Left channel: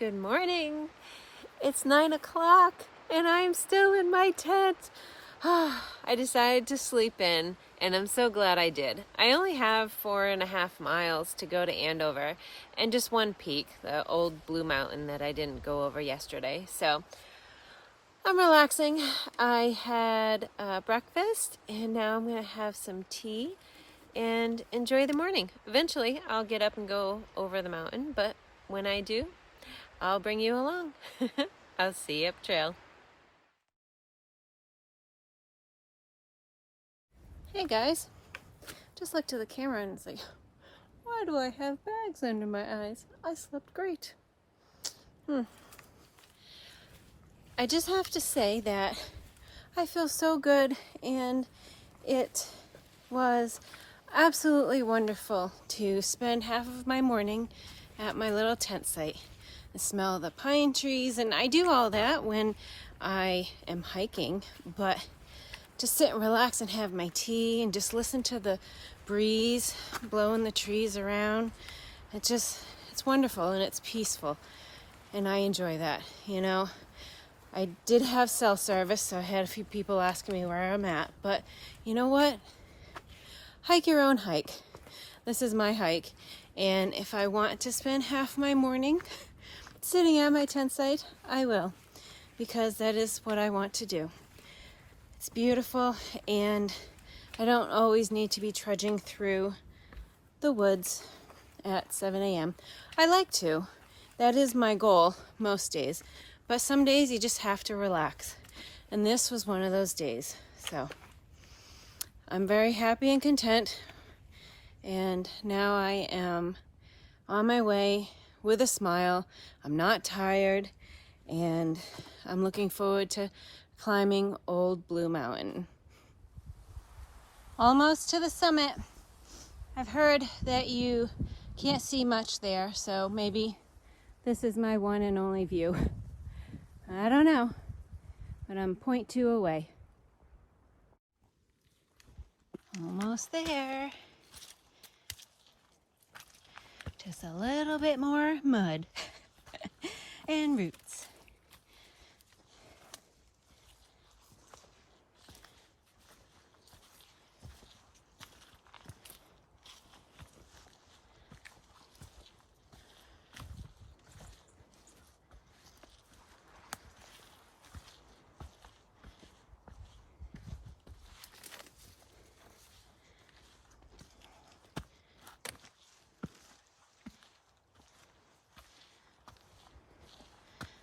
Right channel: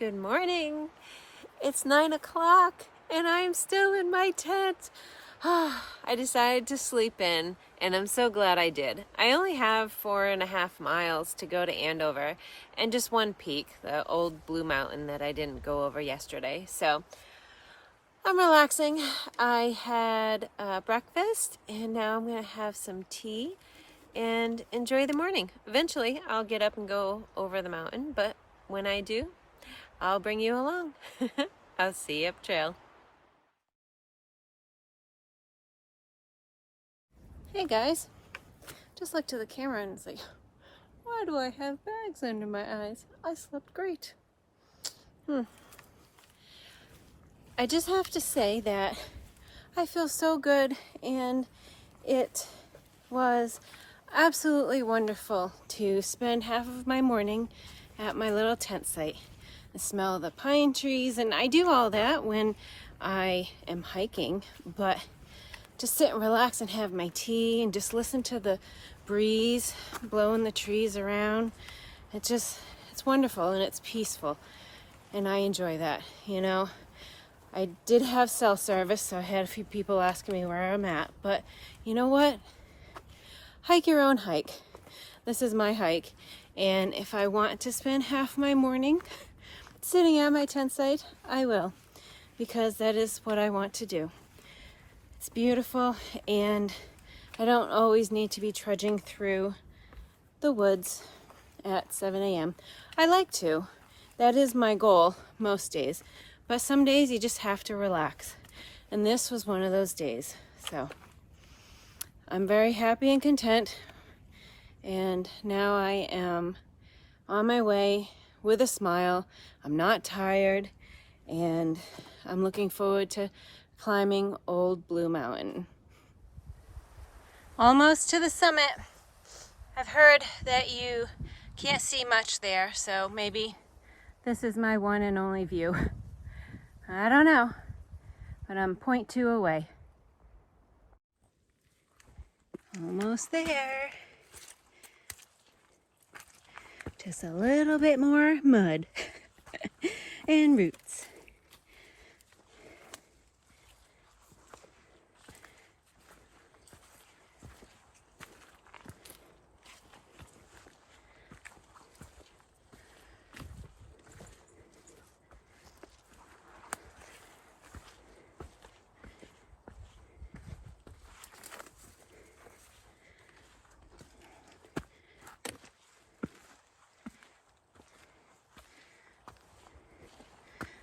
Good morning. It's 9 o'clock and I'm still in my tent. I decided to sleep in and I'm so glad I did. I only have 4.5 miles to go to Andover and just one peak, the old Blue Mountain that I didn't go over yesterday. So I'm relaxing. I had breakfast and now I'm going to have some tea and enjoy the morning. Eventually I'll get up and go over the mountain, but when I do, I'll bring you along. I'll see you up trail. Hey guys, just looked to the camera and it's like, why do I have bags under my eyes? I slept great. I just have to say that I feel so good, and it was absolutely wonderful to spend half of my morning at my little tent site and smell the pine trees. And I do all that when I am hiking, but to sit and relax and have my tea and just listen to the breeze blowing the trees around, it's wonderful and it's peaceful, and I enjoy that. I did have cell service, so I had a few people asking me where I'm at, but you know what? Hike your own hike. This is my hike, and if I want to spend half my morning sitting at my tent site, I will, because that is what I want to do. It's beautiful, and I don't always need to be trudging through the woods at 7 a.m. I like to. That is my goal most days. But some days you just have to relax. And this was one of those days. So I'm very happy and content. And now I am on my way with a smile. I'm not tired. And I'm looking forward to climbing Old Blue Mountain. Almost to the summit. I've heard that you can't see much there, so maybe this is my one and only view. I don't know, but I'm 0.2 away. Almost there. Just a little bit more mud and roots.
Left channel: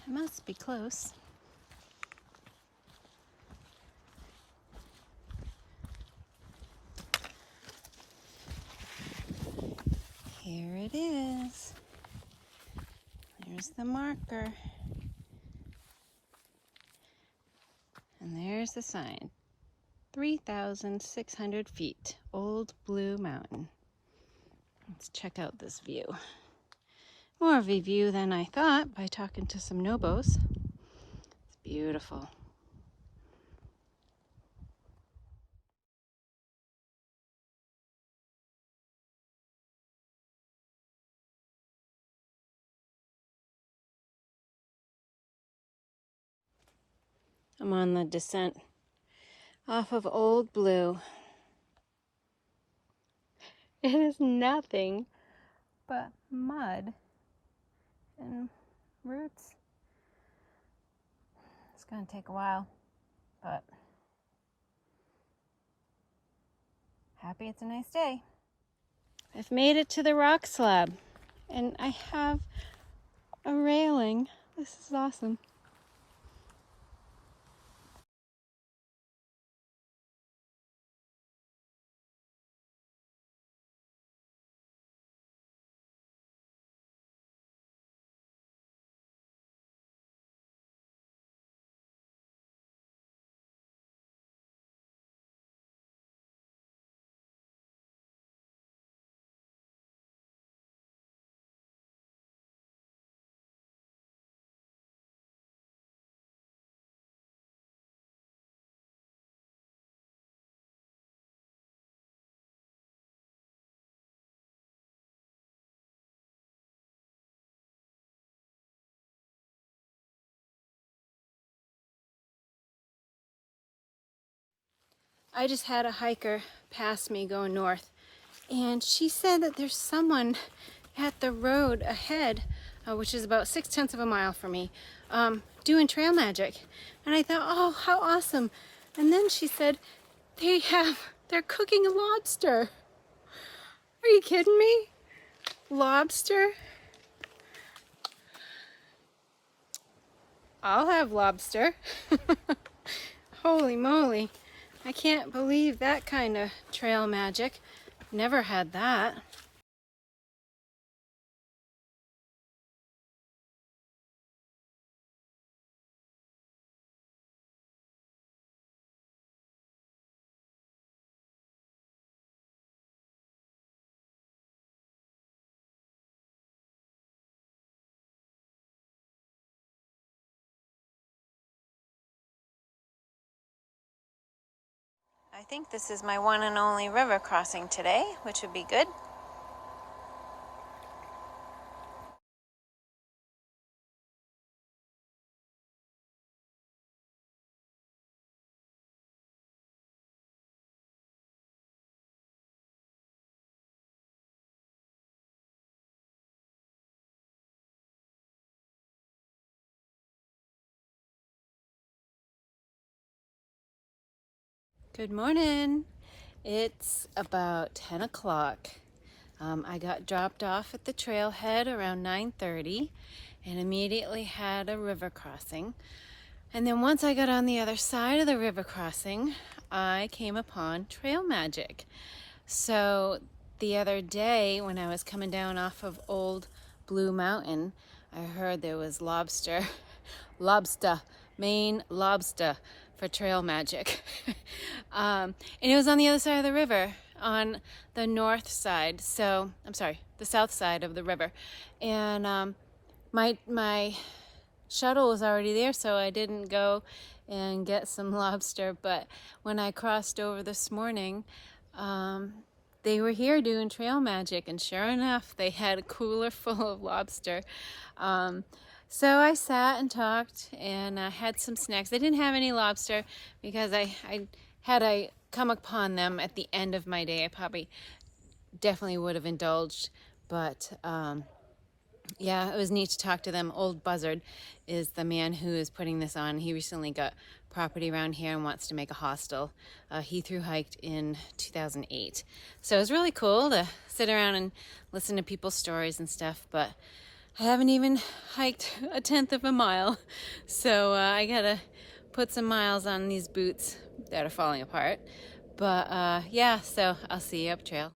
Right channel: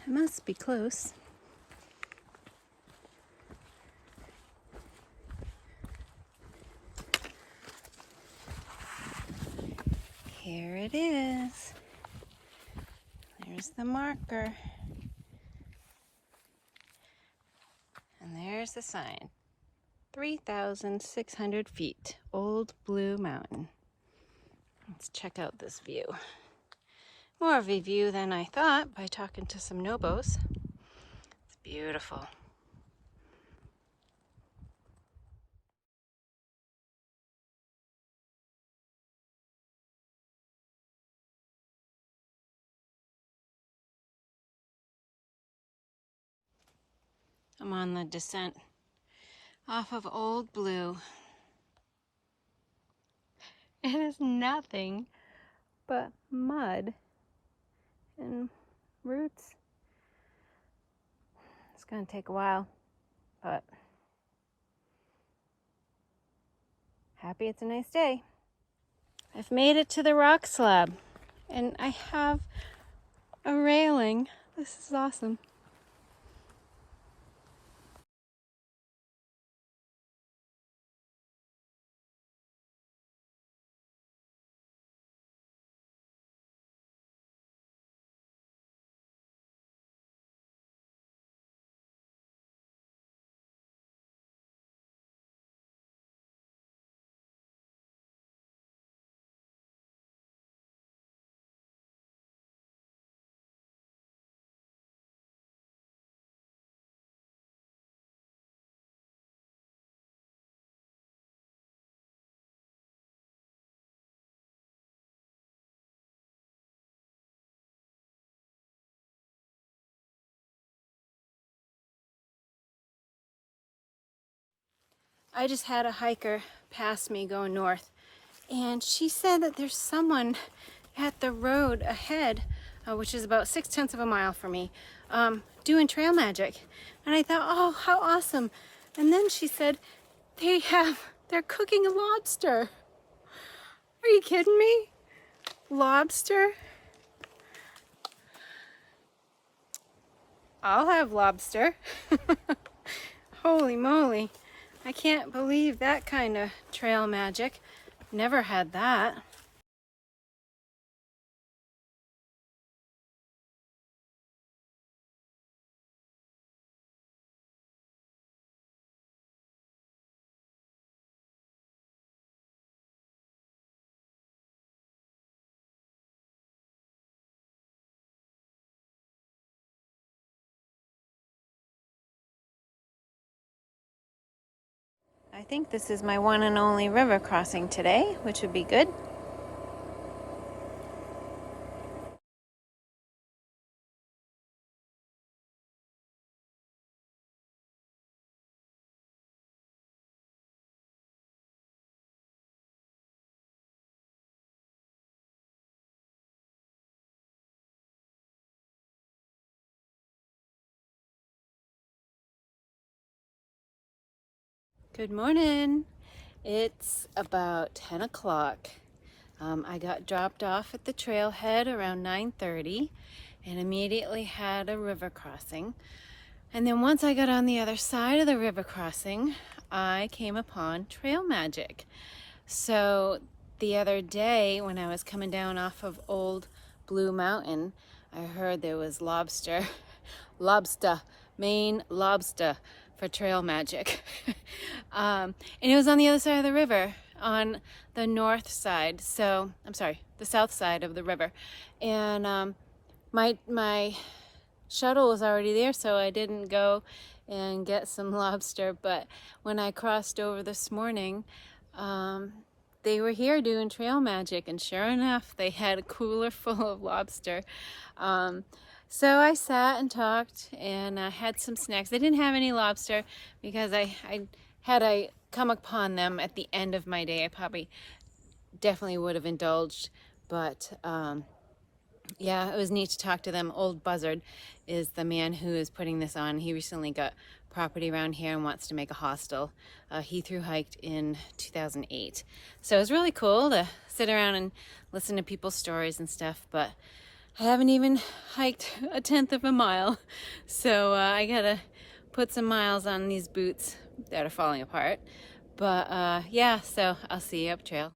It must be close. Here it is. There's the marker. And there's the sign. 3,600 feet, Old Blue Mountain. Let's check out this view. More of a view than I thought by talking to some Nobos. It's beautiful. I'm on the descent off of Old Blue. It is nothing but mud and roots. It's gonna take a while, but happy it's a nice day. I've made it to the rock slab, and I have a railing. This is awesome. I just had a hiker pass me going north, and she said that there's someone at the road ahead, which is about 6/10 of a mile from me, doing trail magic. And I thought, oh, how awesome. And then she said, they're cooking lobster. Are you kidding me? Lobster? I'll have lobster. Holy moly. I can't believe that kind of trail magic. Never had that. I think this is my one and only river crossing today, which would be good. Good morning. It's about 10 o'clock. I got dropped off at the trailhead around 9:30 and immediately had a river crossing. And then once I got on the other side of the river crossing, I came upon trail magic. So the other day when I was coming down off of Old Blue Mountain, I heard there was lobster, Maine lobster for trail magic. And it was on the other side of the river, on the north side. So, I'm sorry, the south side of the river. And my shuttle was already there, so I didn't go and get some lobster. But when I crossed over this morning, they were here doing trail magic, and sure enough, they had a cooler full of lobster. So I sat and talked and had some snacks. They didn't have any lobster because had I come upon them at the end of my day, I probably definitely would have indulged. But yeah, it was neat to talk to them. Old Buzzard is the man who is putting this on. He recently got property around here and wants to make a hostel. He thru hiked in 2008. So it was really cool to sit around and listen to people's stories and stuff, but I haven't even hiked 1/10 of a mile. So I gotta put some miles on these boots that are falling apart. But yeah, so I'll see you up trail.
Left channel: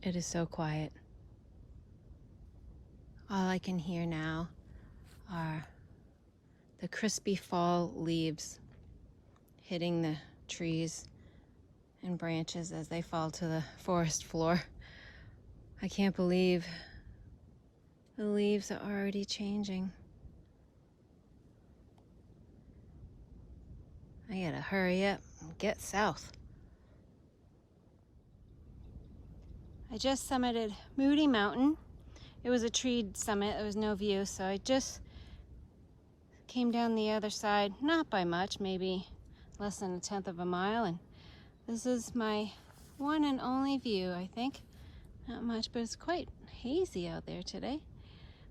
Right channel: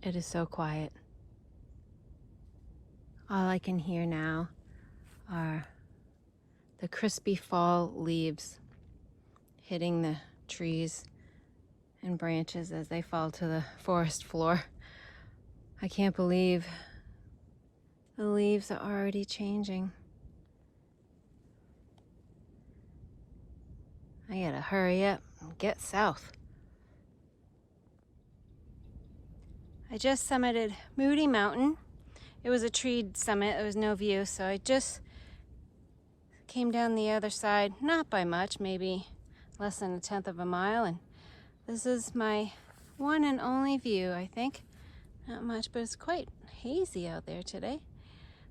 It is so quiet. All I can hear now are the crispy fall leaves hitting the trees and branches as they fall to the forest floor. I can't believe the leaves are already changing. I gotta hurry up and get south. I just summited Moody Mountain. It was a treed summit, there was no view, so I just came down the other side, not by much, maybe less than 1/10 of a mile, and this is my one and only view, I think. Not much, but it's quite hazy out there today.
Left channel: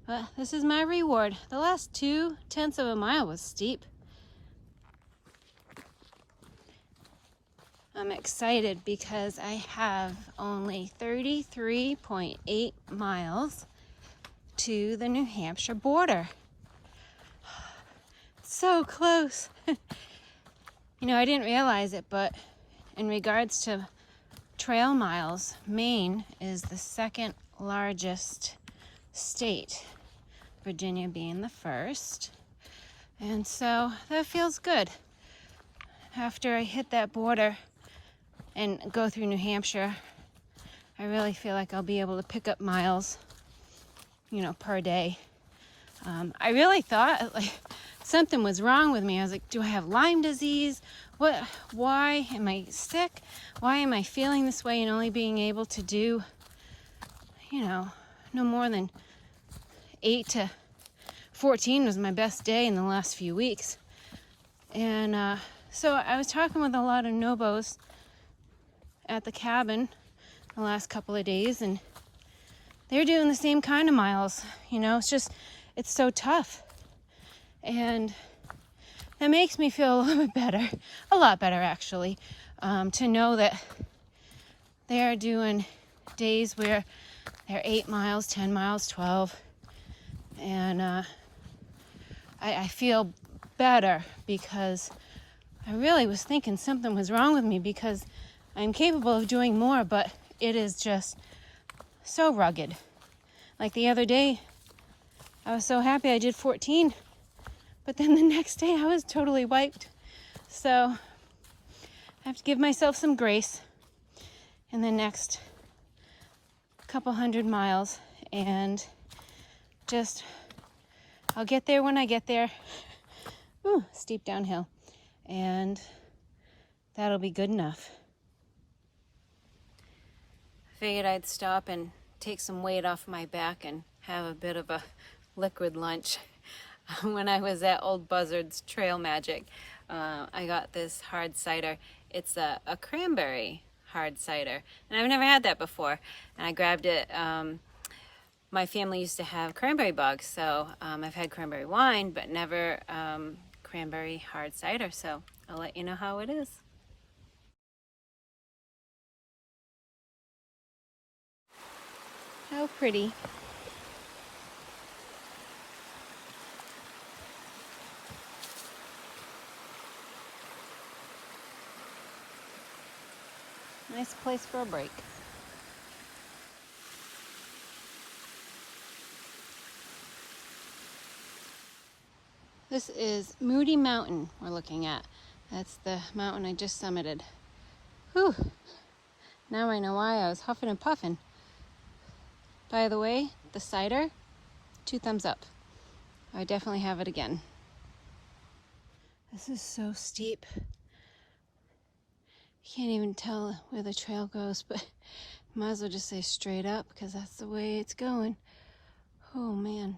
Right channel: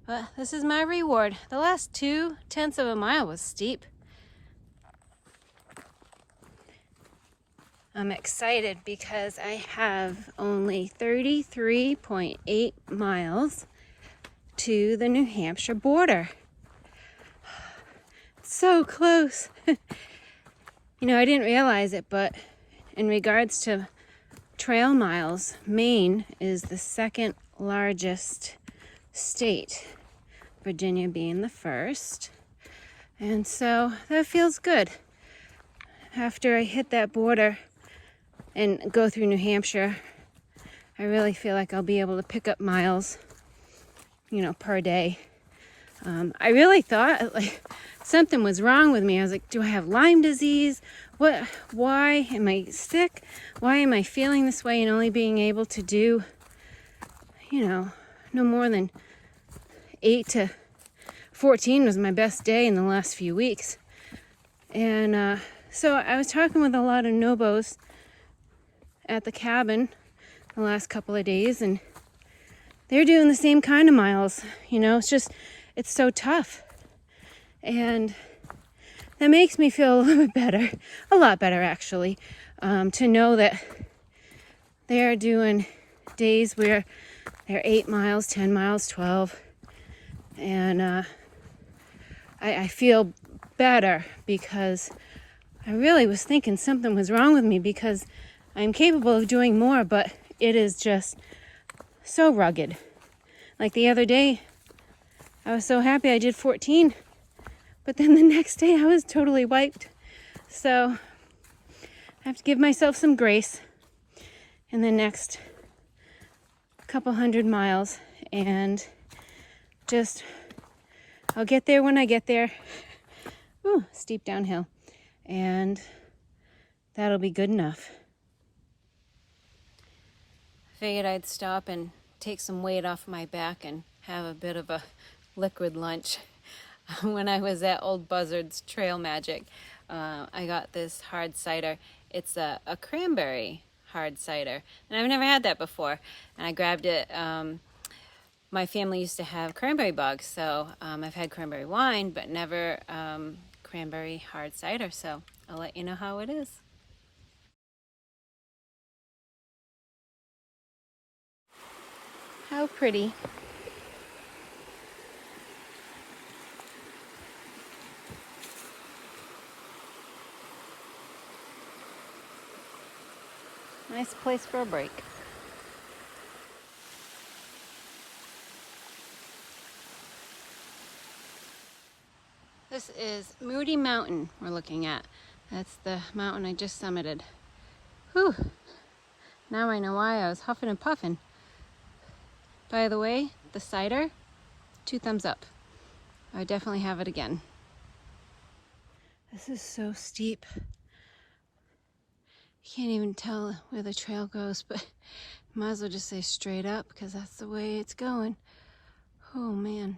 But this is my reward. The last 2/10 of a mile was steep. I'm excited because I have only 33.8 miles to the New Hampshire border. So close. You know, I didn't realize it, but in regards to trail miles, Maine is the second largest state, Virginia being the first. And so that feels good. After I hit that border and go through New Hampshire, I really feel like I'll be able to pick up miles, you know, per day. I really thought like something was wrong with me. I was like, do I have Lyme disease? What? Why am I sick? Why am I feeling this way and only being able to do, you know, no more than 8 to 14 was my best day in the last few weeks. And so I was talking with a lot of Nobos at the cabin the last couple of days, and they're doing the same kind of miles. You know, it's so tough. And that makes me feel a little bit better, a lot better actually, to know that they're doing days where they're 8 miles, 10 miles, 12. And I feel better because I really was thinking something was wrong with me, because I'm capable of doing more, but it is just so rugged. Like the other day, I was so happy I did 14, but then the next day I was totally wiped. So I have to give myself some grace in the next couple hundred miles, and just, I'll get there when I get there. Ooh, steep downhill. And that'll be good enough. I figured I'd stop and take some weight off my back and have a bit of a liquid lunch. When I was at Old Buzzard's Trail Magic, I got this hard cider. It's a cranberry hard cider, and I've never had that before. And I grabbed it. My family used to have cranberry bogs, so I've had cranberry wine, but never cranberry hard cider. So I'll let you know how it is. How pretty. Nice place for a break. This is Moody Mountain we're looking at. That's the mountain I just summited. Whew. Now I know why I was huffing and puffing. By the way, the cider, 2 thumbs up. I definitely have it again. This is so steep. You can't even tell where the trail goes, but might as well just say straight up because that's the way it's going. Oh man.